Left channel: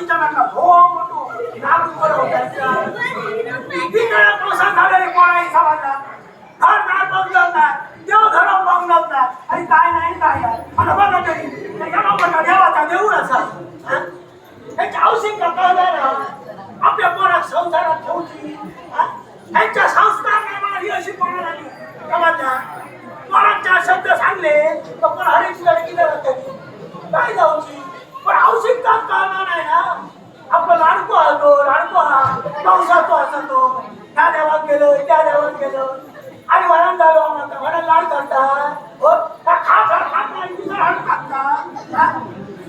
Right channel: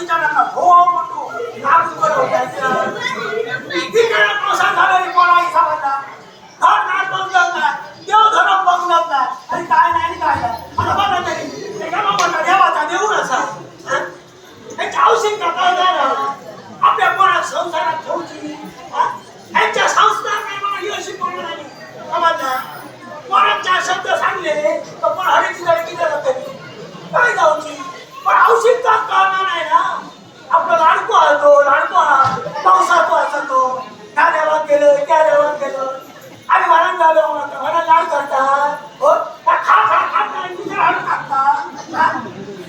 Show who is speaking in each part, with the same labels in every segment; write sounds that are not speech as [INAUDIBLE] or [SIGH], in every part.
Speaker 1: औषधीच्या नाका हो मोठो नाक उघड होत्याचं तिकडे पावसात झालेले कोणाही समाजला घर नाही बघत नाही देव धर्म बघत नाही आणि काय नाही आणि काय नाही आणि बघा तरी त्याच्या बाबांना देवाचा देऊळ असा हा? त्याच्या औषध कळणार आपल्या पोरात संसारात ठेवची हा? त्यांच्या संस्कार नाही मला ही अशी पोरं नाही समजला पोरांच्या शब्द सांगले तर पण हरेची जरी केलं जाते काय जाऊची आपलं लाडको आलो तो पावसातो असतो. त्या देवाक गेलं त्या देवाक गेलं. आणि वरण जालो म्हणता वरण लाड करता. हो खा खा खा दुसरा हाड खाता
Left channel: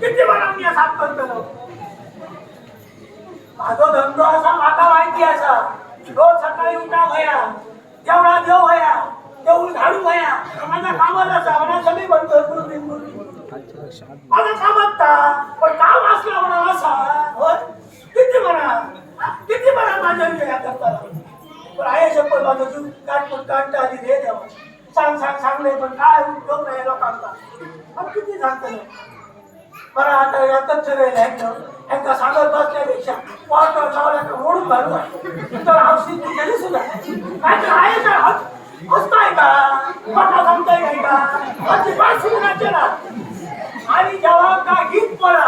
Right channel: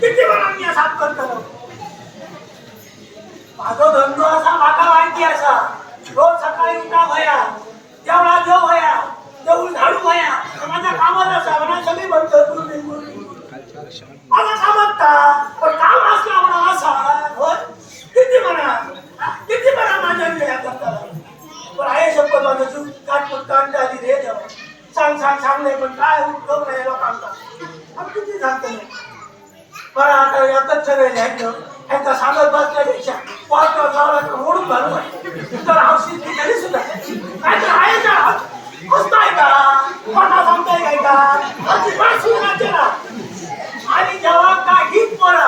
Speaker 1: किती वरण मी साफ करतो. माझो धंदो असा म्हाका माहिती असा. रोज सकाळी उठा भया जेवढा देव भया देऊळ झाडू भया माझा कामात असा म्हणा सगळी म्हणतो माझा कामात पण काम असला म्हणा असा. होय? किती म्हणा. किती म्हणा माझ्या या करता पण आहे शपथ माझं जीव काटपूट काढता आधी दे सांग सांग सांग नाही पण काय उपयोग नाही लोकांचा पण किती सांगतो नाही पण आता यातच सगळे लिहायचं यांचा सांगत बसल्यापेक्षा वाटवर लावला तर ओढून घालू तर औषधी ती सुद्धा. काय तर आहे का? बसताय का? कोणा सांगताय काय का अजिबात सुनाचे ना आणि जेव्हा काही पडा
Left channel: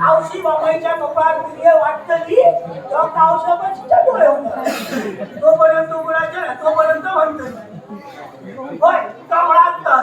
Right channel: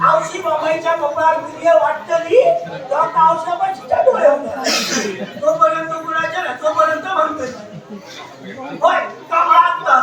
Speaker 1: आवशी बाबाईच्या कपड्यावर विर्य वाटतली तर त्या औषध डोळे होतात तोपर्यंत कुणाच्या तोपर्यंत म्हणतो होय का असला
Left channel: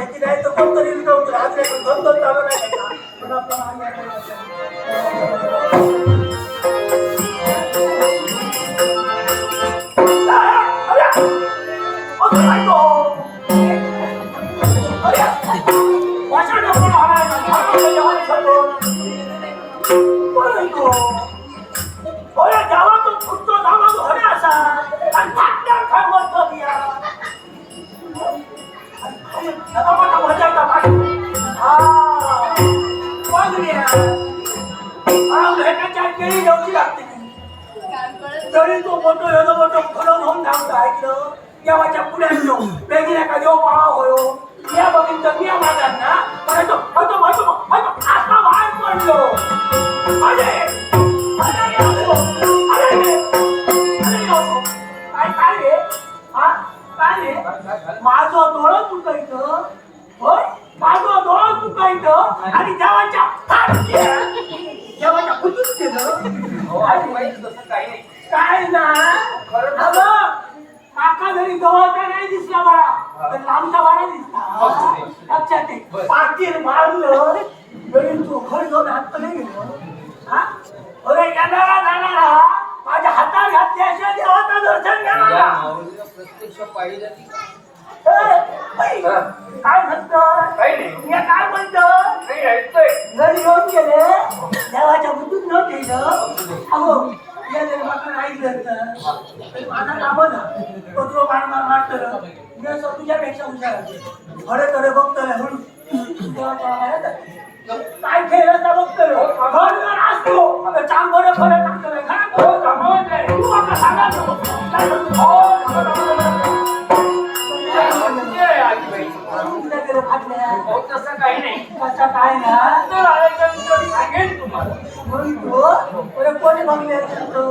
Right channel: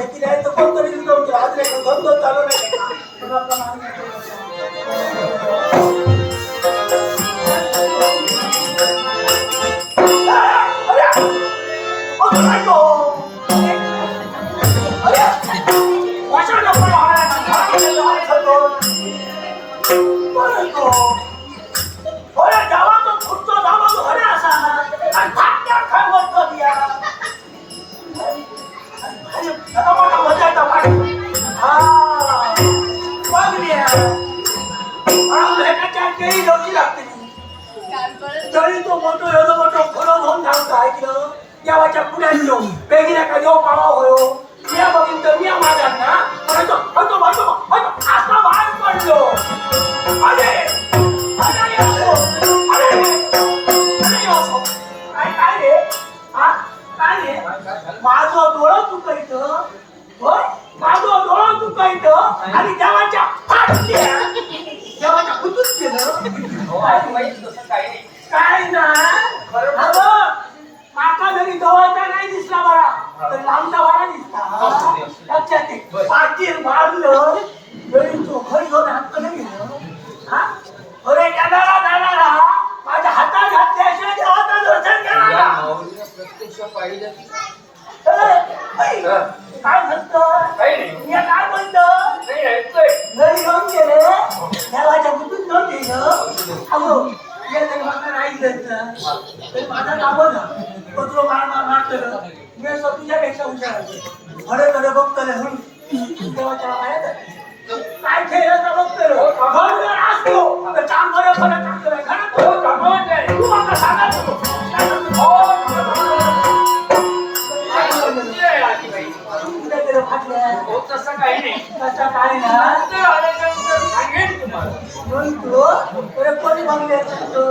Speaker 1: आता केळी लागते तरी तो मोठो एवढं खरं सांगतो ऐकलं देवाच्या पुण्यात येऊ बेगिन्या का देव पावा होयो? ना म्हणायचो होतो होतो होतो आता पडलो अरे अरे असो अरे अरे असो काय काय रे हा काय रे माझं डोळं चुकायचं होय माझं डोळं चुकायचं आणि देवाच्या [LAUGHS] Yeah. मार मार मारतो मी असं तुझ्यापेक्षा हुशार आहे. खरे खरे बघतो रे म्हणून देवाच्या माया जाते. काय खेळ असता बघतो रे घर जर असतो तर चांग बरं खरं टाकतो रे घरात
Speaker 2: हो,
Speaker 1: हो,
Speaker 2: कामावर आहे.
Speaker 1: तू आता सांगा तो. काय म्हणतो?
Speaker 2: हो, काय
Speaker 1: काय म्हणतो?
Speaker 2: म्हणते आजीबाई?
Speaker 1: तू कुठे गेलो फाटल्या
Speaker 2: हो तसं काही नाही
Speaker 1: कसं आता काय ना
Speaker 2: नंतर आल्याच्यानंतर सांगेन तुम्हाला
Speaker 1: म्हणतो अरे कोणी बघले तू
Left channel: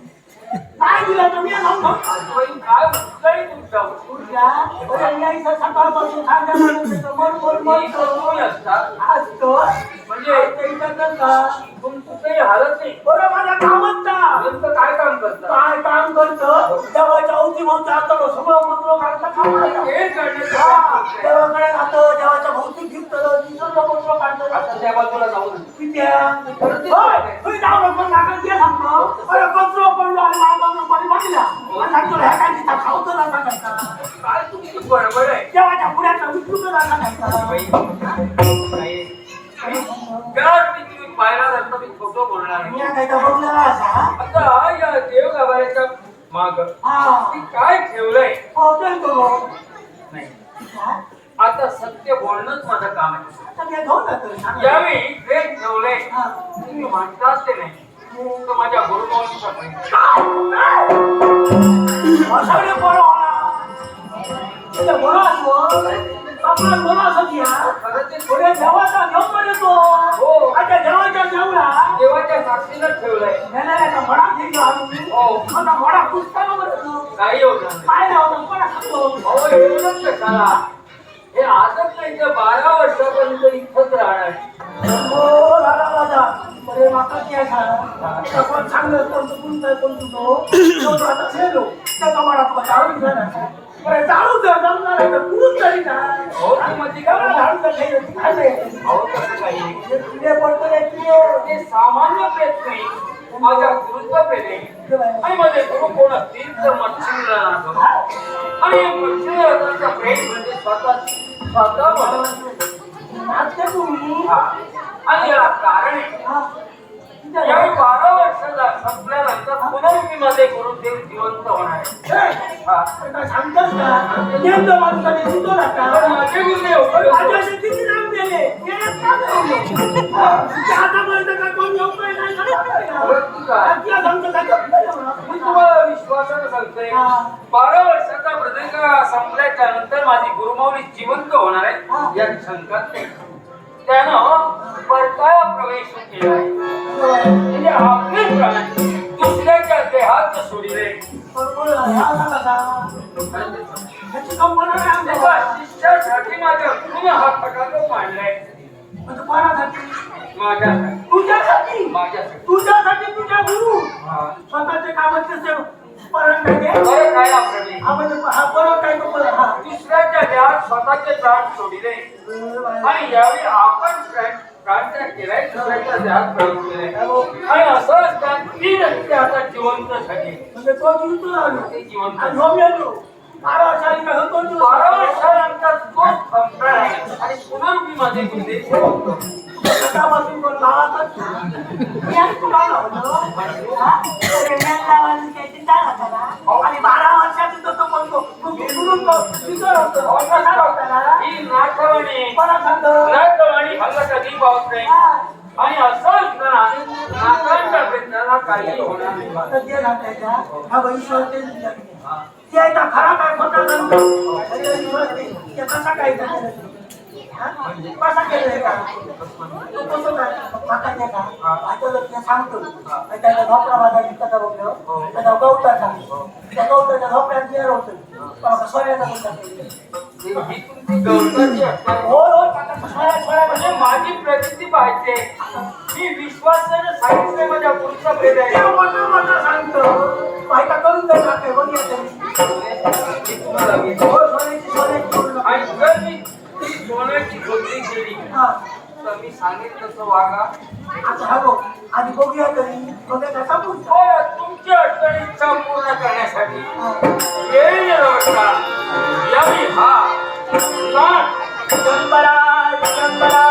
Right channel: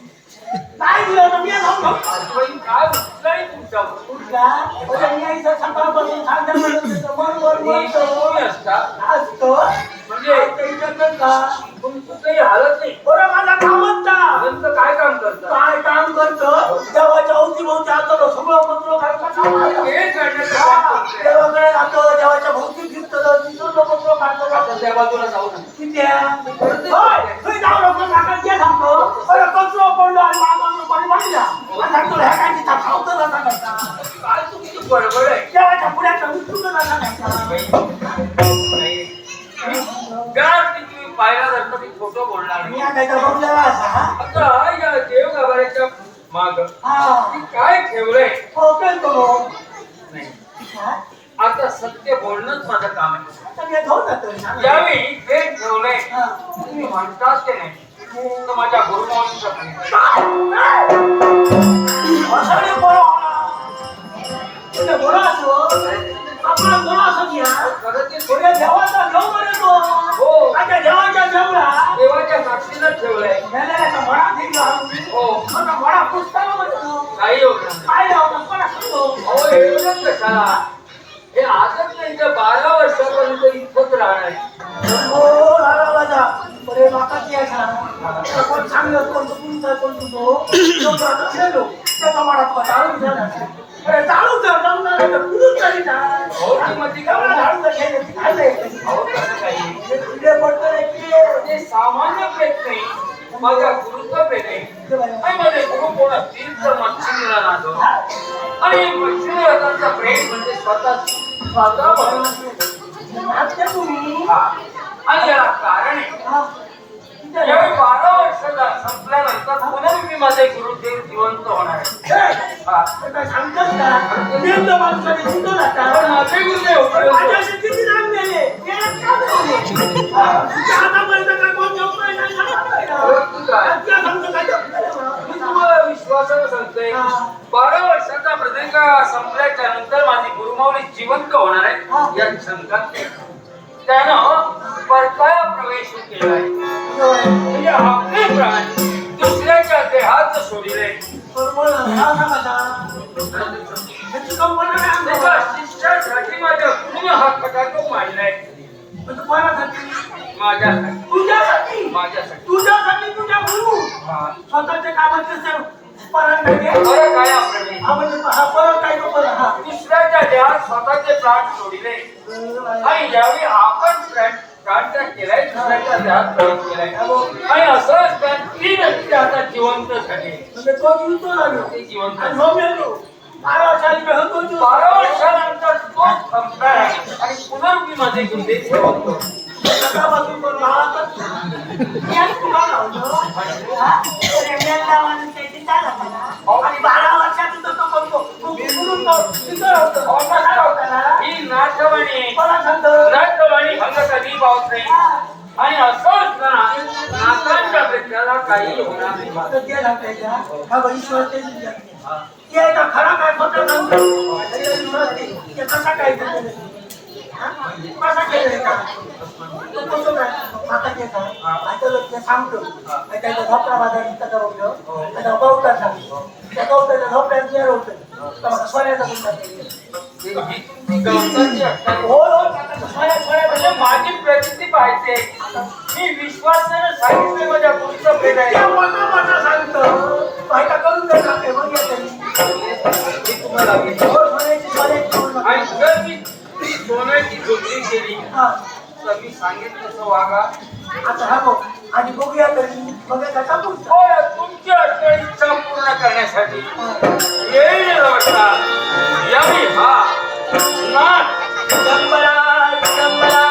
Speaker 1: काय दिलं होतं? मी
Speaker 2: काय
Speaker 1: म्हणजे मी इथं सकाळपासून सांगितलं मन मन
Speaker 2: असता?
Speaker 1: असतो.
Speaker 2: म्हणजे तुमचं काही हालत नाही.
Speaker 1: बरं माझा कामच. का
Speaker 2: नंतर काय काम करता?
Speaker 1: काय काम करतो? देवाच्या अवतीभोवती आता सगळं मंत्र
Speaker 2: हे करण्याचं.
Speaker 1: देवाकडे जातो देवाच्या भोवती फिरतो तिथं मंत्र काढतो?
Speaker 2: त्या बाजूला जाऊ.
Speaker 1: किती जाऊ नको. देवाचा देव म्हणे तो
Speaker 2: हो.
Speaker 1: देवाच्या देवळा.
Speaker 2: देवाच्या साक्षीला ठेवलंय. हो.
Speaker 1: पुस्तक
Speaker 2: काही होत नाही.
Speaker 1: काय
Speaker 2: एवढंच कशाला? हे आजच नाही तर बारा वर्षापर्यंत इथंच राहणार.
Speaker 1: माका ती असा कोण सांगलं कोण तुमचं कोण तुझो तो आता खेळलो. त्याचा तो झाला अरे जाळून जर जाऊन तर तरी ना
Speaker 2: हो, ती मध्ये काय
Speaker 1: झाडून जर खेळलं ती नाही. हे
Speaker 2: ते सामान्य प्रेत नाही. माझ्या गुरुत्व प्रेत आहे.
Speaker 1: ते.
Speaker 2: आणि माझे गुरु कोण असतील तर मच्छिंद्र नाथो आणि मच्छिंद्रनाथांचा प्रेम म्हणजे स्वतः स्वतः म्हणून
Speaker 1: आता तुम्ही.
Speaker 2: आणि याला कारण यावेळी बारा वर्षाचा संपल्यानंतर पुनर्मी माझे गुरुदेव जिवंत होणार माझे गुरुदेव मी. तुम्हाला विश्वासानं सांगतोय
Speaker 1: हा.
Speaker 2: बारा वर्षाचा प्रदीर्घ संपल्याच्या नंतर माझी गुरुमावली जिवंत होणार. आहे या शंकात. त्यानं परकाया प्रवेश केला म्हणजे आपले प्राण दुसऱ्याच्या देहात सोडिले त्याच्या शिष्यासाठी माझ्या पूर्ण हा फटाका मांडलाय माझ्यासाठी
Speaker 1: तुझ्यासाठी
Speaker 2: माझ्यासाठी
Speaker 1: तुझ्यासाठी तुझ्या गुरु स्वतःचे कामात
Speaker 2: काय
Speaker 1: परत काय
Speaker 2: दुसऱ्याच्या देहात स्वतःचे प्राण सोडिले आणि यावेळी आपण प्राण प्राणत्याग केलाय दुसऱ्याच्या देहात प्रवेश केलाय आणि असं असताना ती व्यक्ती आता जिवंत झाली
Speaker 1: म्हणजे तो जीवित झालो
Speaker 2: ते जिवंत
Speaker 1: आणि हो मेलो बारा वर्षांनी काय होतो तू?
Speaker 2: बारा वर्षानंतर तो संपणार आहे आणि पुनर्मी मध्ये गुंडे ठेवतो
Speaker 1: सकाळपासून कोण लावतच नाही. याच तुला लावलं. हा? अरे मेला माणूस त्याची चाल होता ना. आणि बारा वर्षातून तो तो बोलतो. तू बिलकुल तिथं राहतो. कसा होता ना?
Speaker 2: ही नाथवाणी नाथवाणी हंग कधी नाही
Speaker 1: हा.
Speaker 2: आणि असं असताना नाथांच्या भेटायला काही होणार नाही
Speaker 1: हा खरा काय कसा? हा? कसा केलंय का? तो कसं काय? केला. ते सांगतो आणि झोपडा त्याचा गवता सांगतो. त्या गवताच्या झोपड्यात होतं,
Speaker 2: माझी प्रगती पाहिजे मी विश्वासानं सांगितलं माझ्या
Speaker 1: मोठं सांगतो. माहिती करून.
Speaker 2: मी तुम्हाला सांगेन तसं वागा
Speaker 1: आता हा बघ आणि बघूया तरी बघूया त्याचा पुढचा
Speaker 2: होय, तुमची अडचण इच्छा पूर्ण करण्यासाठी. येईल रवटा यावी हा. नाथ
Speaker 1: शंभरा शंभरा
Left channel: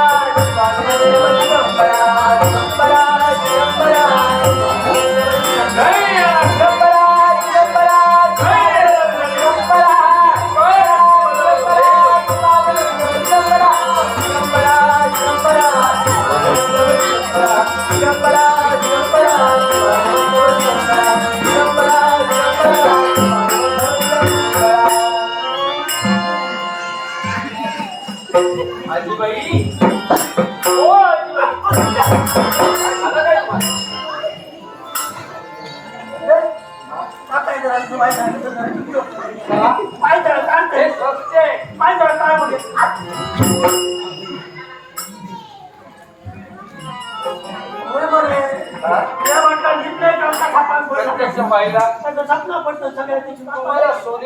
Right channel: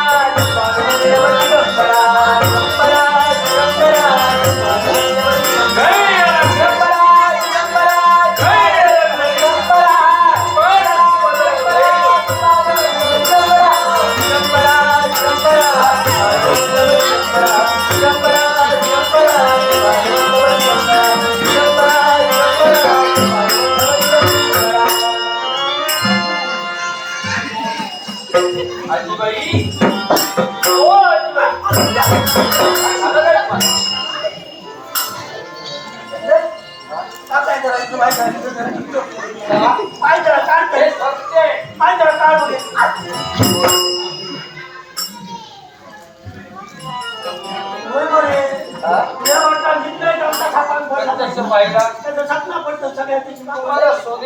Speaker 2: バい。होतो.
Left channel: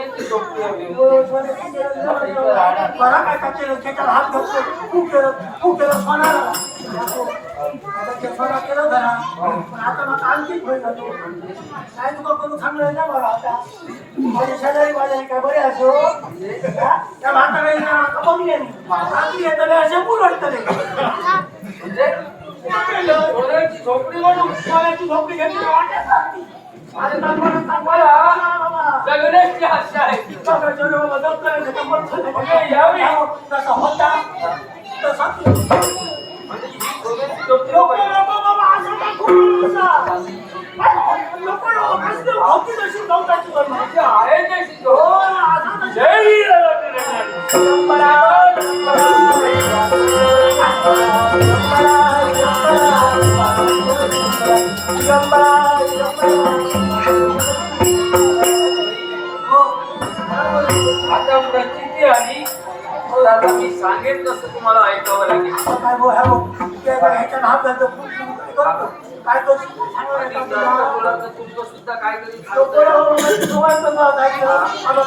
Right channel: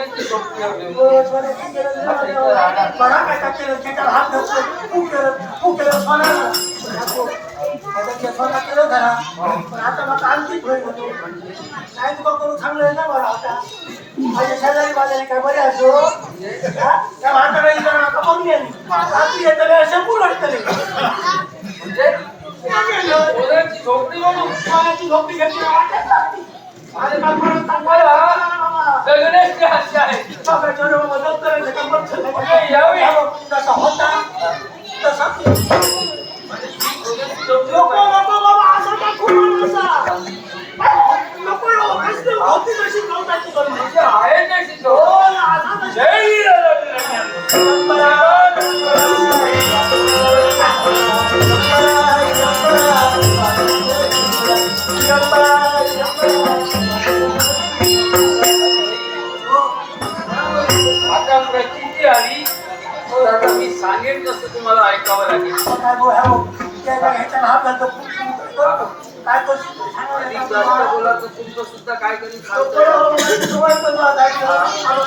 Speaker 1: नाही तुका करून सांगलं नाही बरं आता. माझे शेजारी बाजारी काय बरे असो हा? त्या म्हाताऱ्याने जरा नका बघली आणि. रात्री येताना असे मुलं असतले.
Speaker 2: म्हणजे सोन्याची झोपडी म्हणून
Speaker 1: सोन्याची झोपडी घेतली वाटेत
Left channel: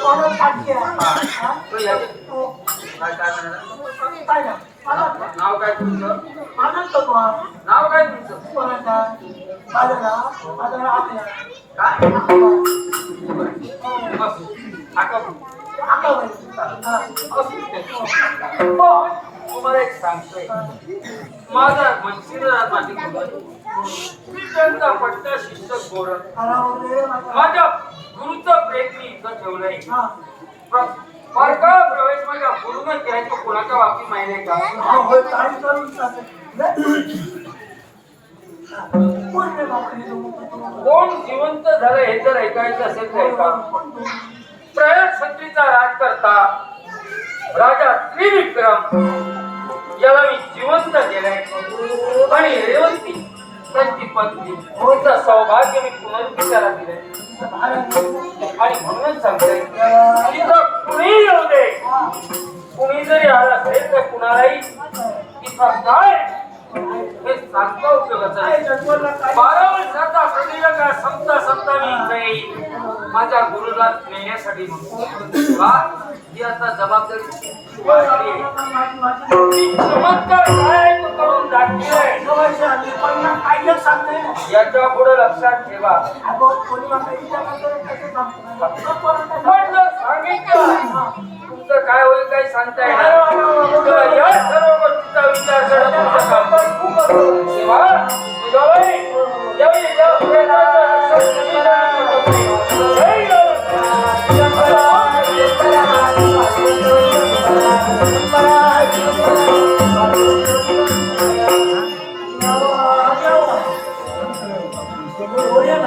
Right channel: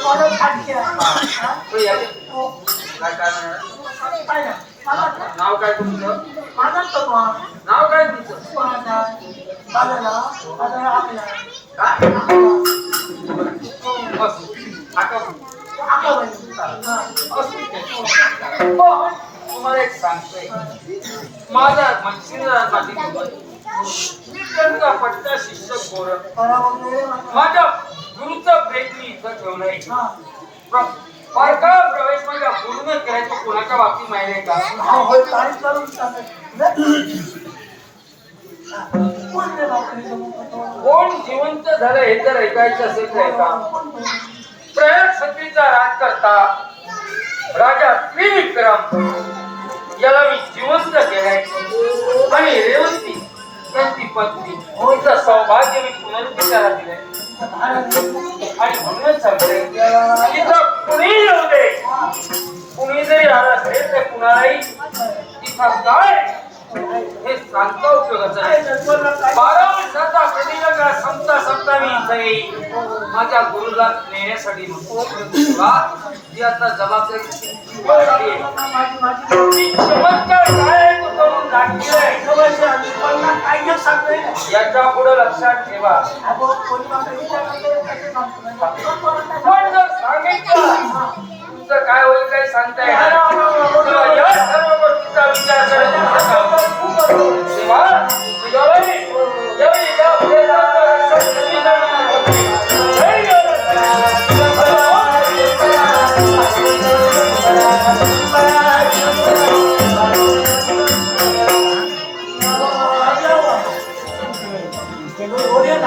Speaker 2: आता?
Speaker 1: तो
Speaker 2: काय काय? काय
Speaker 1: ना, माझा-
Speaker 2: नाव काय तुमचं
Speaker 1: माझाच तो हा.
Speaker 2: नाव काय तुमचं
Speaker 1: कोणाचा? नाव आकल्या.
Speaker 2: काय
Speaker 1: हो.
Speaker 2: असू आता.
Speaker 1: हा.
Speaker 2: ते. हो, तुम्हाला एक सांगतोय माझा मच्छीदारासाठी मी त्यांचा पट्टा शिष्य गोर
Speaker 1: खरा वगैरे माझा-
Speaker 2: माझ्या गुरुचा मी इथं ठेवलंय
Speaker 1: हा.
Speaker 2: प्र- बारका प्रवेश गुरुनं केला तो कोणाच्या बाबतीत माहिती आहे का
Speaker 1: हा. हा. कोण
Speaker 2: जिवंत झालं हे जर ऐकायचं असेल तर ऐका
Speaker 1: तो?
Speaker 2: प्रयाग सत्रीचा राज करता राजा त्रिविक्रम याला मी जिवंत केलाय आणि रेवंती त्यांची पत्नी होतं सौभाग्य मी पुनर्विचारा दिलंय आणि म्हणून कुणी येऊ दे कुणी जरी आला असेल तर कुणालाही तिथं काय हे सांगता उपयोगाचं नाही बारा वर्षाचा संपता संपता मी इथं येईल माझ्या गुरुला नेण्यासाठी म्हणून वा ही आता जबाबदारी चमत्कार काय याच्यापुढे लक्षात ठेवा. पण तुमचं काय होईल काही सांगता येणार तर या सर्व गोष्टीचा विचार करण्याचा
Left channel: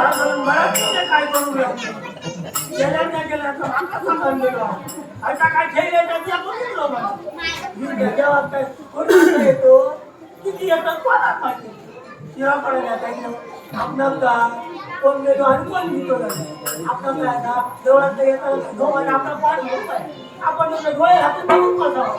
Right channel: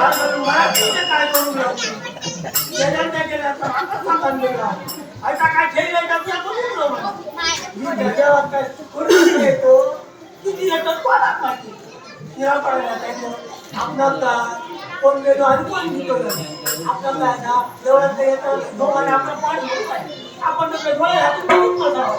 Speaker 2: तेव्हा
Speaker 1: काय करू गेल्या नाही गेल्या तर आता आता काय खेळ का ते आपण बोललो मी त्याच्यावर काय करून येतो किती येतात कोणाला माहिती तिला पडायला पाहिजे आपलं का कोण गेलो आणि कोण घेतो आपलं काय ना देवळात येतं दोघांना आपलं पाठ आपण डोळे हातून बघून बसावं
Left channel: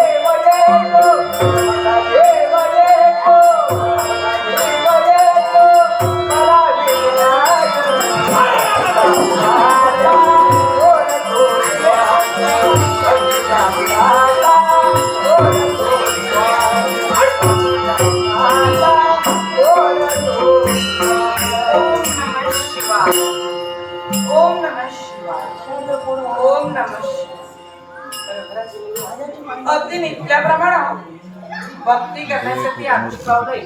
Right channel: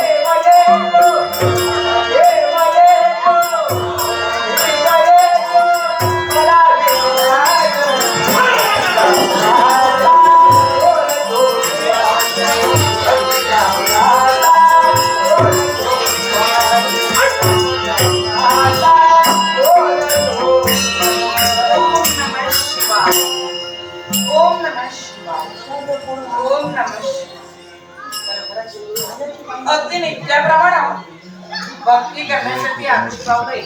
Speaker 3: करण्यासाठी आतुर पावलंय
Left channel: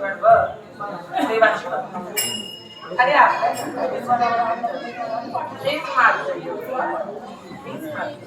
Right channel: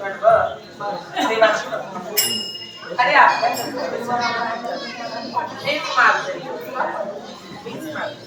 Speaker 3: पण बघ, देवाची भक्ती. अरे आपल्या हेच माझं हेच माझं.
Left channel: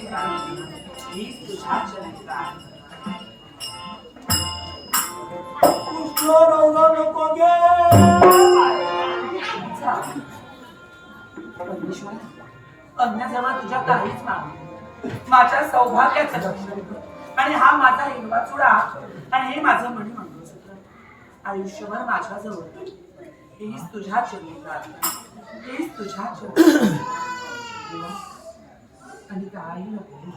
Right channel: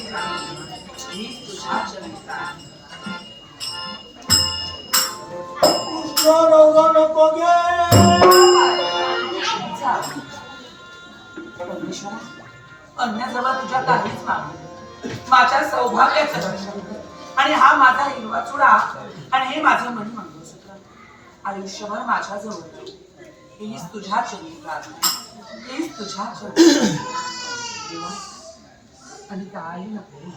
Speaker 3: तुझ्या
Speaker 1: कृष्ण नको गे
Speaker 3: तुझ्या काहीच माझ्या सौभाग्याचं रक्षण आणि हा माझा हिरवा चुडा. आणि हे माझं मणी मंगळसूत्र. आयुष्यभर माझ्या जवळ हीच तुझ्या चरणी प्रार्थना. हीच तुझ्या चरणी देवा, आणि काही नको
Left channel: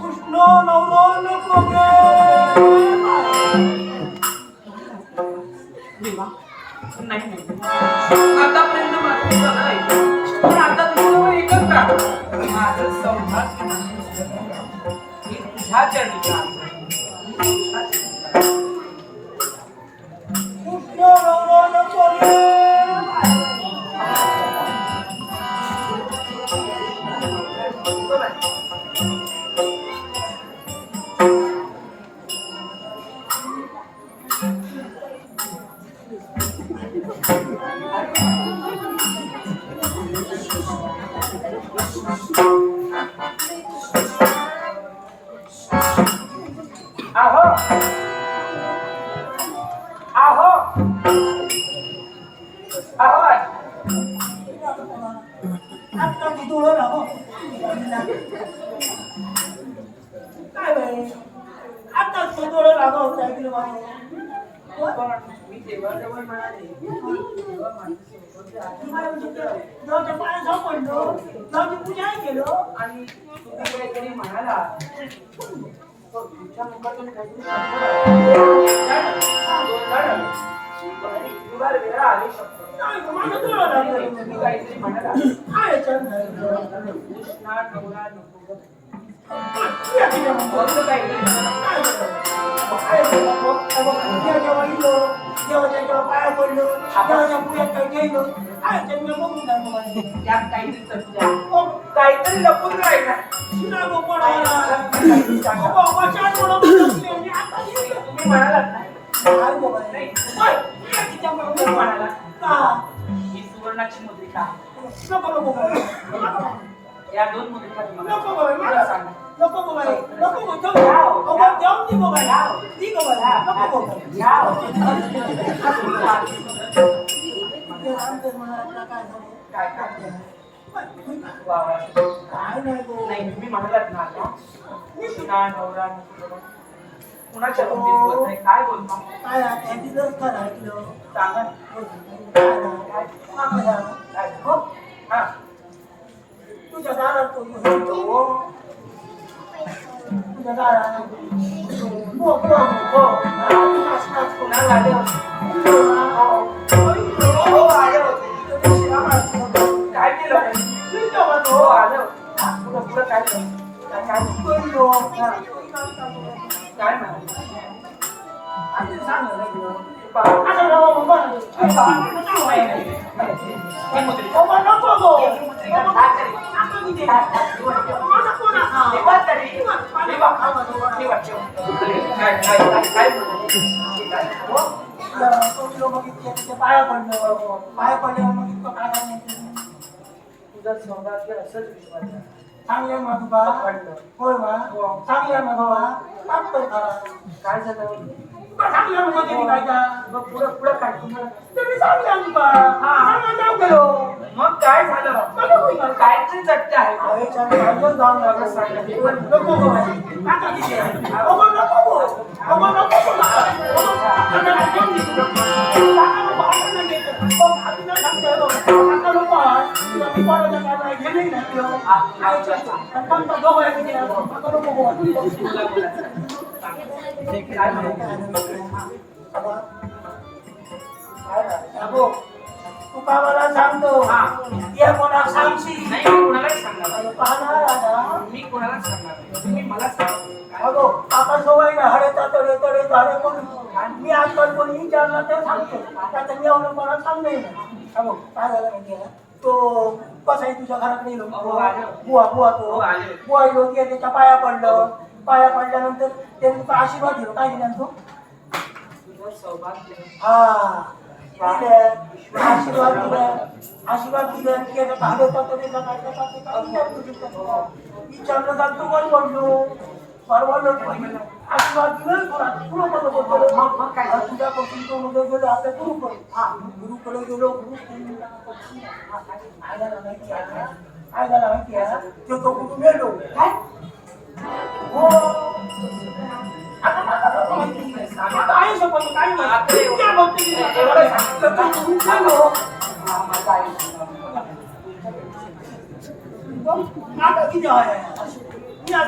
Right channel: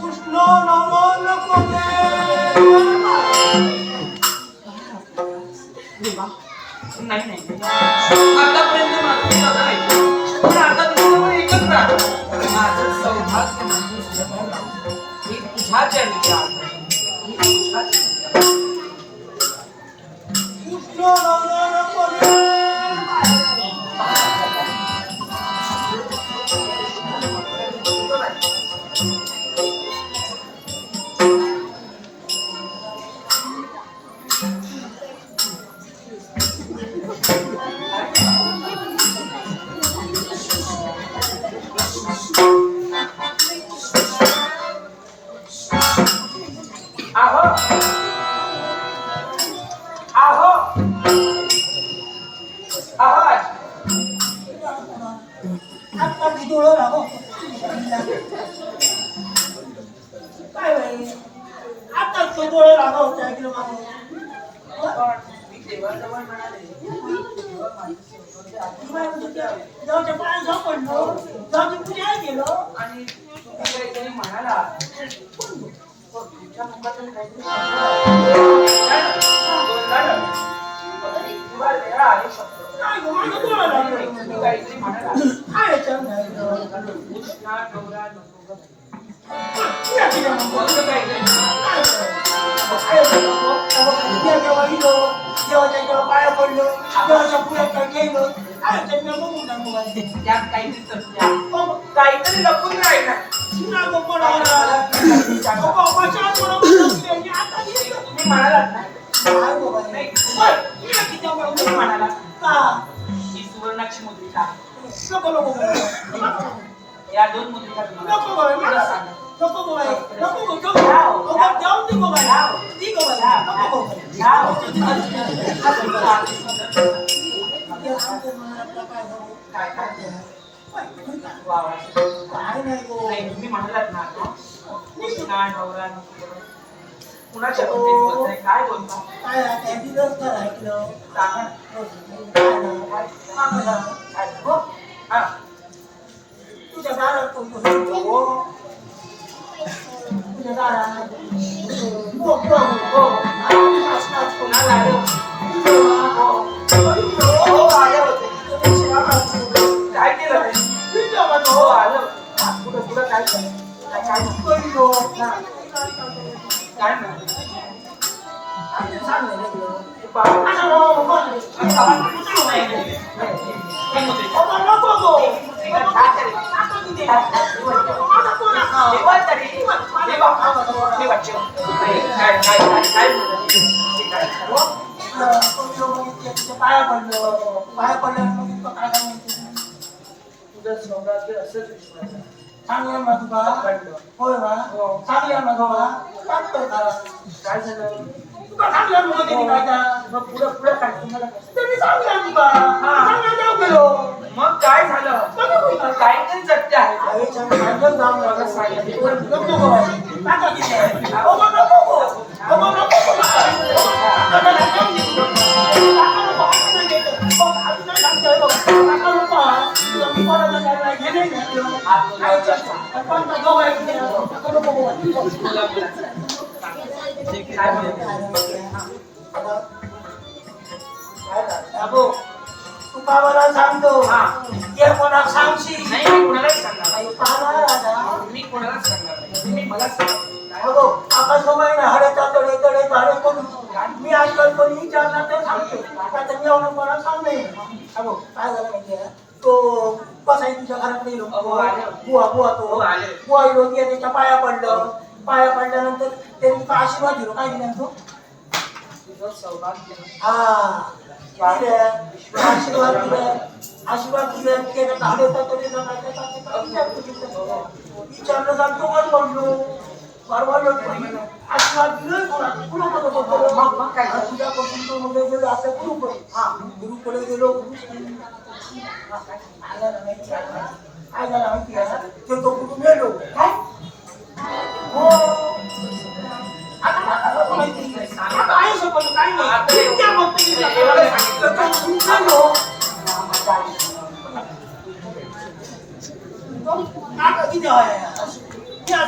Speaker 1: कृष्ण नको
Speaker 3: देवा. नाही नाही. नाही. आतापर्यंत माझं सगळं ऐकलं. पण आता तुझ्यावर एकच प्रार्थना माझं सौभाग्य म्हणजे तुझ्या चरणी काहीतरी म्हणाला पण तुमच्या मुखातून काहीतरी शब्द आला. किंवा वेळा आले शब्द
Speaker 1: काय गं, माझं डोळं लागलं.
Speaker 3: तुम्ही काहीतरी म्हणाला
Speaker 1: काय याच्यात नाही गं?
Speaker 3: उष्णा नवरा नको ग.
Speaker 1: या की नाही मग?
Speaker 3: असं काहीतरी
Speaker 1: काय गं? काय गं, नको? देव जेव्हा इलो, देवाच्या जेव्हा पाया पडलो देवाच्या पुढ्यात काय गेलो काय याच्यात मी बघून टाकू बाई.
Speaker 3: त्यात काहीतरी सत्य आहे.
Speaker 1: मग
Speaker 3: काहीतरी लपून राहिला
Speaker 1: शिना गो पडावला. बाबा, बचाव थोडं बचाव. मी आता गेलो.
Speaker 3: तुम्ही म्हणालात ना
Speaker 1: काय गो बाई?
Speaker 3: नाही.
Speaker 1: होय, या की त्या बाई
Speaker 3: तुम्ही म्हणाला
Speaker 1: का?
Speaker 3: ही सुवर्णाची मुद्रिका आहे.
Speaker 1: नको नको बाई.
Speaker 3: या दोन मुद्रिका तुम्हाला
Speaker 1: नको बाई. काय
Speaker 3: काय काय
Speaker 1: बाई,
Speaker 3: वा वा.
Speaker 1: काय नाही गो.
Speaker 3: नाही तुम्ही म्हणालात ना आता कृष्णा नवरा नको करू. कुणाच्या बाबतीत बोलताय काय बोलतो
Speaker 1: काय आता या दिवस तर ऐकलं.
Speaker 3: सांगा.
Speaker 1: हो, काय नाही. मागं जा.
Speaker 3: काय? हो? हा.
Speaker 1: तुझ्या दारात तो येतो. तुझ्या दारात. हो, हो, हो. नाच, नाच, हो.
Speaker 3: कुणाला
Speaker 1: पाया पडलो पाया पडल्यावर मग इतकं काय काय म्हणतो?
Speaker 3: तुझं सौभाग्य असंच विश्वास आहे.
Speaker 1: चांगले मधुबा
Speaker 3: पडलं.
Speaker 1: होय बा
Speaker 3: हो.
Speaker 1: चांगले मधुबा काम कर खरा.
Speaker 3: काय झालं
Speaker 1: तुका चांगल्या मुलं त्यांनी काय का
Speaker 3: मग पुढं पुढं काय तुम्हाला कसं?
Speaker 1: ते मी चांगले आम्ही का चांगले जाऊ गेलो
Speaker 3: मग काय झालं
Speaker 1: बघा होई का?
Speaker 3: काय पण सत्य आहे
Speaker 1: अरे चांगले पाहिलं जाऊन बघा सांगितलं. नको गो बाई. काका किती आहे? अगो नको गो. अगो नको गो. काका मला जाऊन दे गो. काका नको, आता नाही घेत. बाबाला सांगतो
Speaker 3: हा.
Speaker 1: कोणाला सांगशील
Speaker 3: नाही मी सांगणार मी कोणालाच सांगणार नाही तुम्ही मला सांगा काय?
Speaker 1: अगो आता सवय ना हड्याचा तडे तडे झाडे करून मी आजकाल कोणी विचारला ते सांगतो आता मी अवलंब कोणाला सांगणे अगो काय झालं माहिती आहे तो कसा आहे तुझ्या घरात गेलो
Speaker 3: अहो, आले.
Speaker 1: बुवा बुवा
Speaker 3: हो,
Speaker 1: तो
Speaker 3: आले.
Speaker 1: बुवा लोक त्याच्या पाया पडलं पाया पडल्यानंतर त्यांनी तो आशीर्वाद दिलो काय दिला तो
Speaker 3: तुझं सौभाग्य
Speaker 1: हा दिले. आशीर्वाद दिले आशीर्वाद दिले ते काय विचारतो तिथं. विचारलं का तू वर बोललो बोललो तरी आशीर्वाद दिलं?
Speaker 3: मग- मग काय?
Speaker 1: तुझ्यापासून तो गेलो हा. गुरुकडे गेलो गुरु हा, काय? झालं माहिती आहे का? काय झालं माहिती आहे ते तो कुठून गेलो काय? हो. आता माहिती आहे सोबत
Speaker 3: हे- हे- हे. सांगितलं.
Speaker 1: तर गेलो
Speaker 3: हा, माझा आई.
Speaker 1: नाटक किती आहे?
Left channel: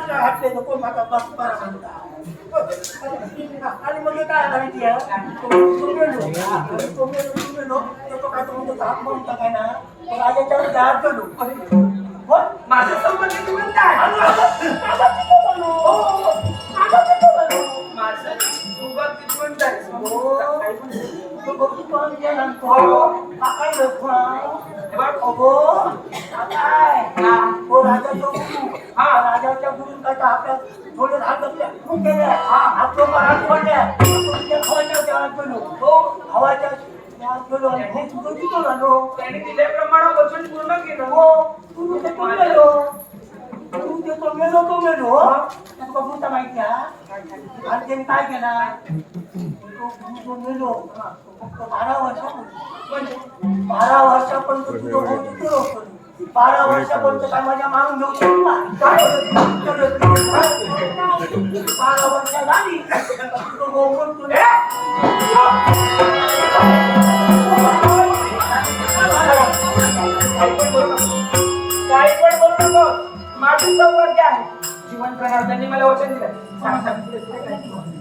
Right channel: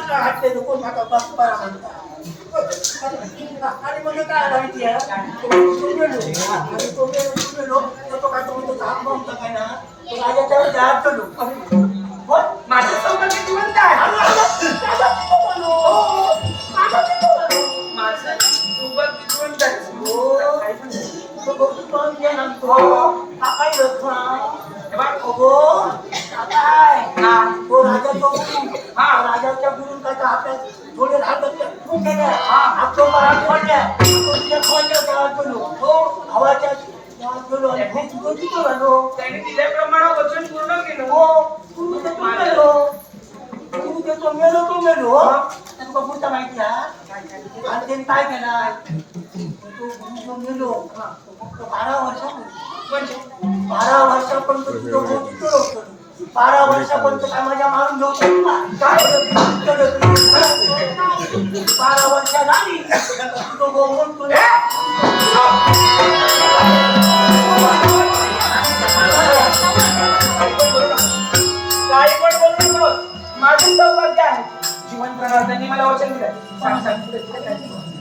Speaker 1: मी आता घातले कोण माझा बाप बरा म्हणता. आणि मग काय माहिती आहे तो तो गेलो आणि तो गेलो तो गेलो तर तो काय तो म्हणतो हात म्हणता काय ना तो राजाच्या वरती हात गेलो हो.
Speaker 3: माझं आहे
Speaker 1: अहो.
Speaker 3: काय?
Speaker 1: तो
Speaker 3: हो,
Speaker 1: राजाचा गुरु.
Speaker 3: हा
Speaker 1: राजाच्या गुरुंचा आपल्या थोडे राहतात हो,
Speaker 3: खूप केले केलं.
Speaker 1: हो गुरु तो मेलो. बघूचा माहिती आणि त्याने काय केला? तो गुरु जो मेलो बारा वर्षापूर्वी.
Speaker 3: म्हणजे
Speaker 1: बारा वर्षापर्यंत तुझं बारा वर्षापर्यंत काय माझ्या मारून घेऊ बारा वर्ष झाली तुझं
Speaker 3: गोमून तुझ्या माझी जीवन मला वचन दिलं सांग सांग.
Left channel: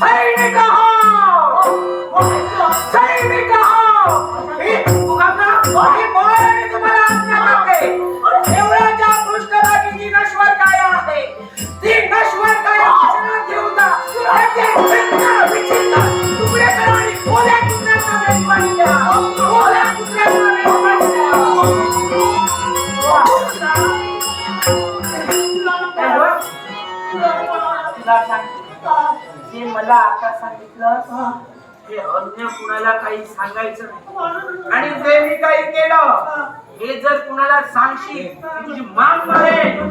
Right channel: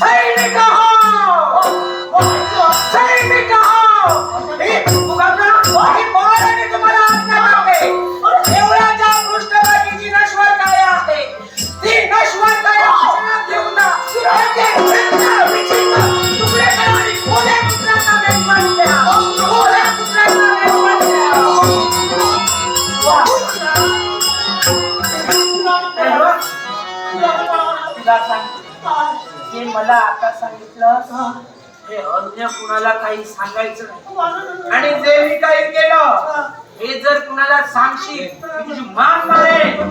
Speaker 3: 嘿，那个哈。सांगितलं. हे. अन्य कुणाला काही सांगायचं नाही. आणि जे मी काही केलं हे. जर कुणाला सांगशील तुझी मान मारेल.